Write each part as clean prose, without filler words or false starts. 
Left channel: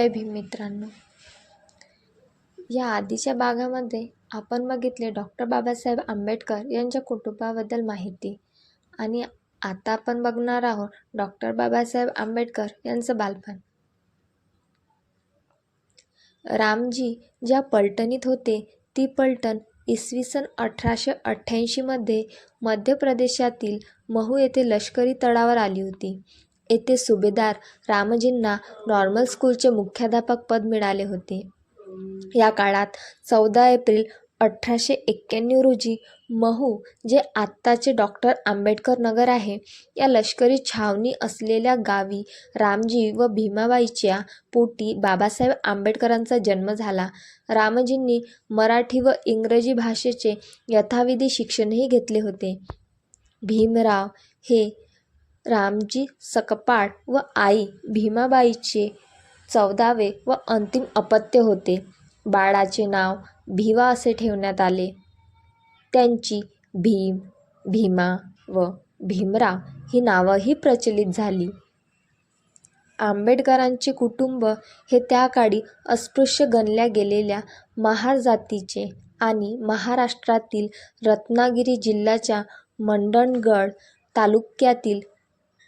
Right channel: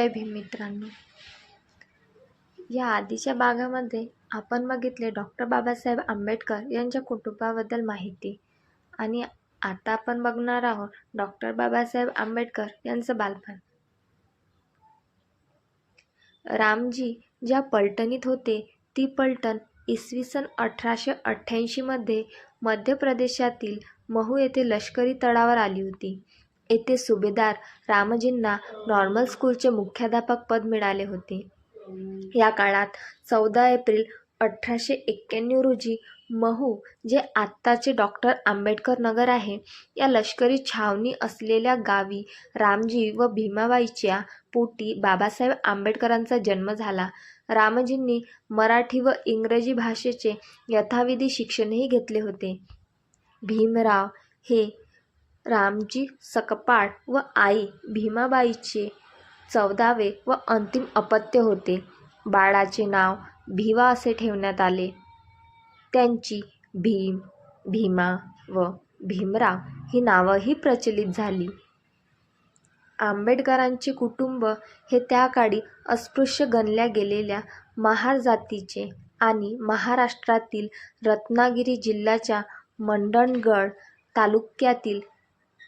जय भीम मित्रांनो. या आधीच्या भागामध्ये आपण बघितले डॉक्टर बाबासाहेब आंबेडकर यांच्या कुटुंबाबद्दल माहिती आणि आता आपण बघणार आहोत डॉक्टर बाबासाहेब आंबेडकर यांचं बालपण. रामजी ज्या पलटणीत होते ती पलटण इसवी सन 1888 मध्ये मध्य प्रदेशातील महू येथे लष्करी तळावर आली होती. येथे सुभेदार रामजींना नॉर्मल स्कूलचे मुख्याध्यापक पद मिळाले होते. या काळात 14 एप्रिल 1891 रोजी महू, जे आत्ताचे डॉक्टर आंबेडकर नगर आहे, या लष्करी छावणी असलेल्या गावी रामजी व भीमाबाईच्या पोटी बाबासाहेब आंबेडकरांचा जन्म झाला. रामजींनी मराठी व इंग्रजी भाषेचे यथाविधी शिक्षणही घेतले होते. भीमराव हे रामजी सकपाळ व आई भीमाबाईचे 14वे व अंतिम अपत्य होते. बाळाचे नाव भिवा असे ठेवण्यात आले. त्यांची भीम, भीमा व भीमराव ही नावंही प्रचलित झाली. आंबेडकरांचे कुटुंब हे त्या काळी अस्पृश्य गणल्या गेलेल्या महार जातीचे आणि महाराष्ट्रातील रत्नागिरी जिल्ह्याच्या मंडणगड तालुक्यातील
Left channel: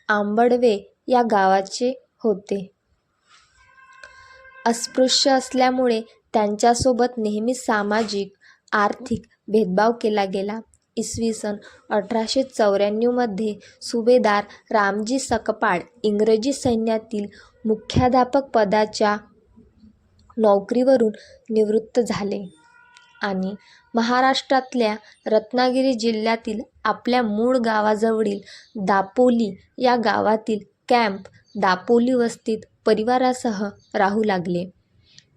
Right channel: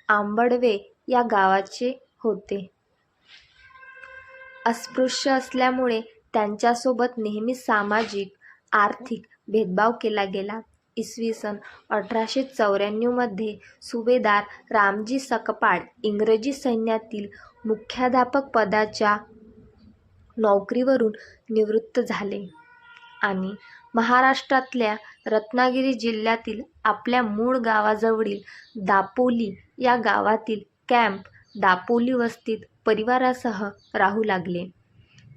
आंबडवे या गावाचे होते. अस्पृश्य असल्यामुळे त्यांच्यासोबत नेहमी सामाजिक, आर्थिक भेदभाव केला गेला. इसवी सन 1894 मध्ये सुभेदार रामजी सकपाळ इंग्रजी सैन्यातील मुख्याध्यापक पदाच्या नोकरीवरून निवृत्त झाले आणि महाराष्ट्रातल्या रत्नागिरी जिल्ह्यातील आपल्या मूळ गावाजवळील दापोली या गावातील कॅम्प दापोली वस्तीत परिवारासह राहू लागले.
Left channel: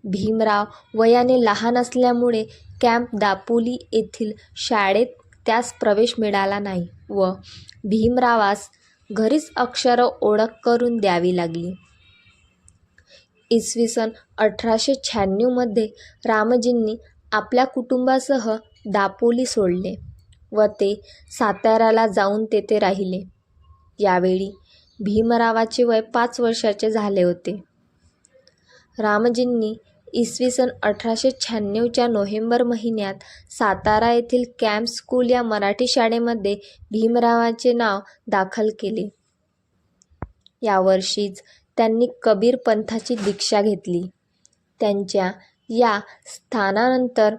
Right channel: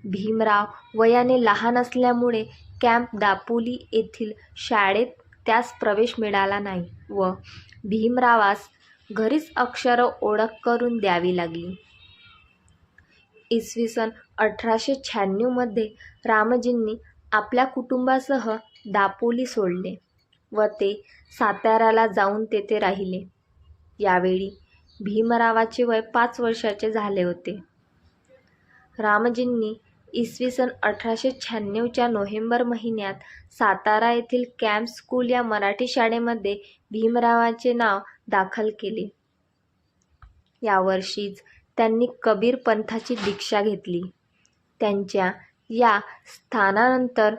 भीमराव वयाने लहान असल्यामुळे कॅम्प दापोली येथील शाळेत त्यास प्रवेश मिळाला नाही व भीमरावास घरीच अक्षर ओळख करून द्यावी लागली. इसवी सन 1896 मध्ये रामजींनी आपल्या कुटुंबासह दापोली सोडले व ते साताऱ्याला जाऊन तेथे राहिले. यावेळी भीमरावाचे वय 5 वर्षाचे झाले होते. रामजींनी इसवी सन 1896च्या नोव्हेंबर महिन्यात सातारा येथील कॅम्प स्कूल या मराठी शाळेमध्ये भीमरावांचे नाव दाखल केले. या वर्षीच त्यांनी कबीर पंथाची दीक्षा घेतली. त्यांच्या या स्थानानंतर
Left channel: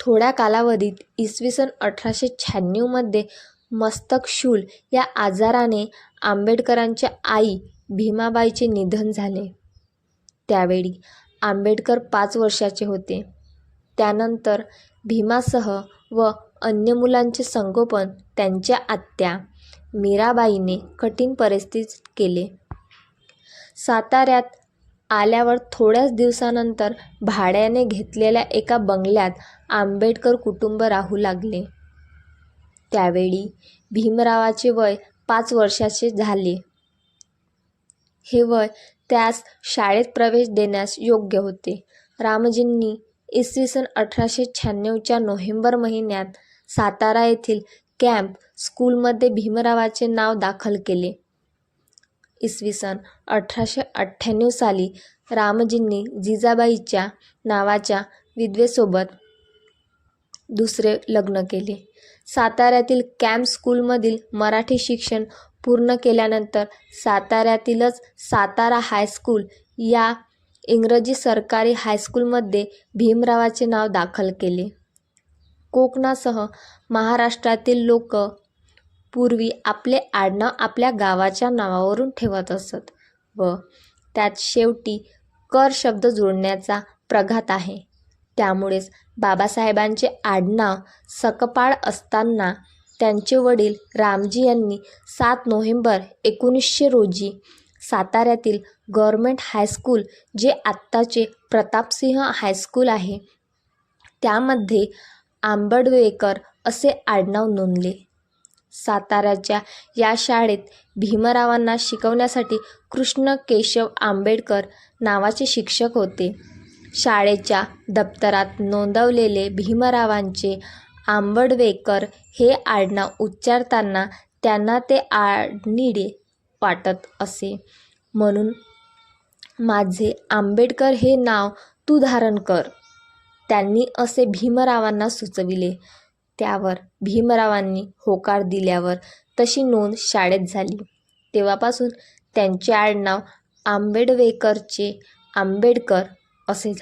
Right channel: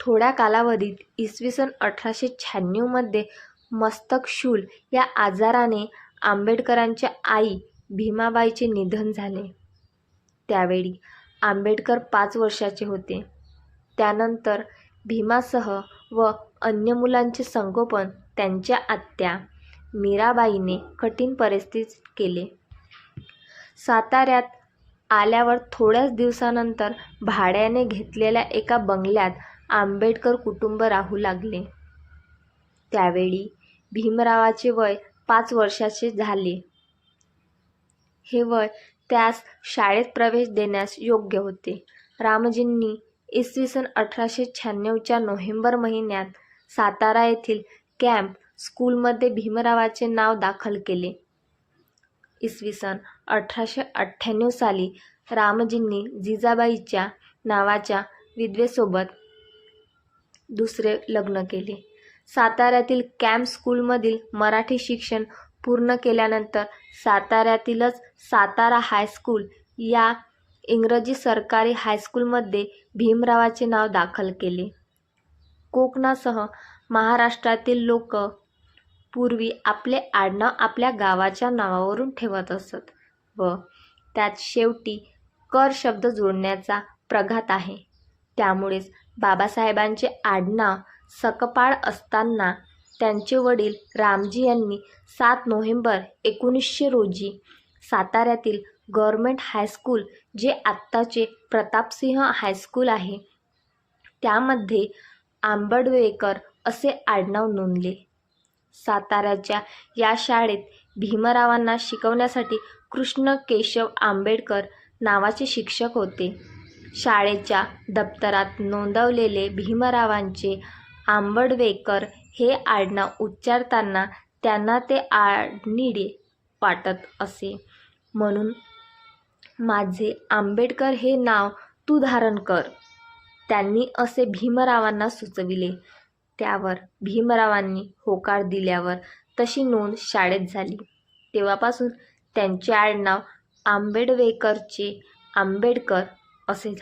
थोड्या कालावधीत इसवी सन 1896 मध्ये मस्तकशूल या आजाराने आंबेडकरांच्या आई भीमाबाईचे निधन झाले. त्यावेळी आंबेडकर 5 वर्षाचे होते. त्यानंतर भीमासह व अन्य मुलांचे संगोपन त्यांच्या आत्या मीराबाईने कठीण परिस्थितीत केले. साताऱ्यात आल्यावर थोड्याच दिवसानंतर भाड्याने घेतलेल्या एका बंगल्यात आंबेडकर कुटुंब राहू लागले. त्यावेळी भीमरावाचे वय 5 वर्षाचे झाले. हे वय त्यास शाळेत प्रवेश देण्यास योग्य होते. रामजींनी इसवी सन 1896च्या नोव्हेंबर महिन्यात सातारा येथील कॅम्प स्कूलमध्ये भीमरावाचे नाव दाखल केले. इसवी सन 1898 साली रामजींनी जिजाबाईच्या नावाच्या विधवेसोबत दुसरे लग्न केले. साताऱ्यातील कॅम्प स्कूलमधील मराठी शिक्षण पूर्ण केल्यानंतर साताऱ्यातीलच सातारा हायस्कूल या इंग्रजी सरकारी हायस्कूलमध्ये भीमरावाचे नाव दाखल केले. कोकणासह महाराष्ट्रातील लोक पूर्वी आपले आडनाव आपल्या गावाच्या नावावरून ठेवत असत व त्यात शेवटी कर शब्द जोडण्याचा प्रघात आहे. त्यामुळेच बाबासाहेबांचे आडनाव सकपाळ असताना त्यांचे वडील रामजी यांनी 7 नोव्हेंबर 1900 रोजी साताऱ्यातील गव्हर्नमेंट हायस्कूल, जे आत्ताचे प्रतापसिंह हायस्कूल आहे, त्यामध्ये आंबडवेकर असे आडनाव नोंदले. साताऱ्याच्या या शाळेत भीमरावांना शिकवण्यासाठी कृष्ण केशव आंबेडकर नावाचे शिक्षक होते. शाळेच्या दप्तरात नोंदवलेले भीमरावांचे आंबडवेकर हे आडनाव उच्चारताना त्यांना ते आडनिडे वाटत असे, म्हणून माझे आंबेडकर हे नाव तू धारण कर, त्यांनी असे भीमरावांना सुचविले. त्यावर भीमरावांनी होकार दिल्यावर तशी नोंद शाळेत झाली. तेव्हापासून त्यांचे आडनाव आंबेडवेकरचे आंबेडकर असे झाले.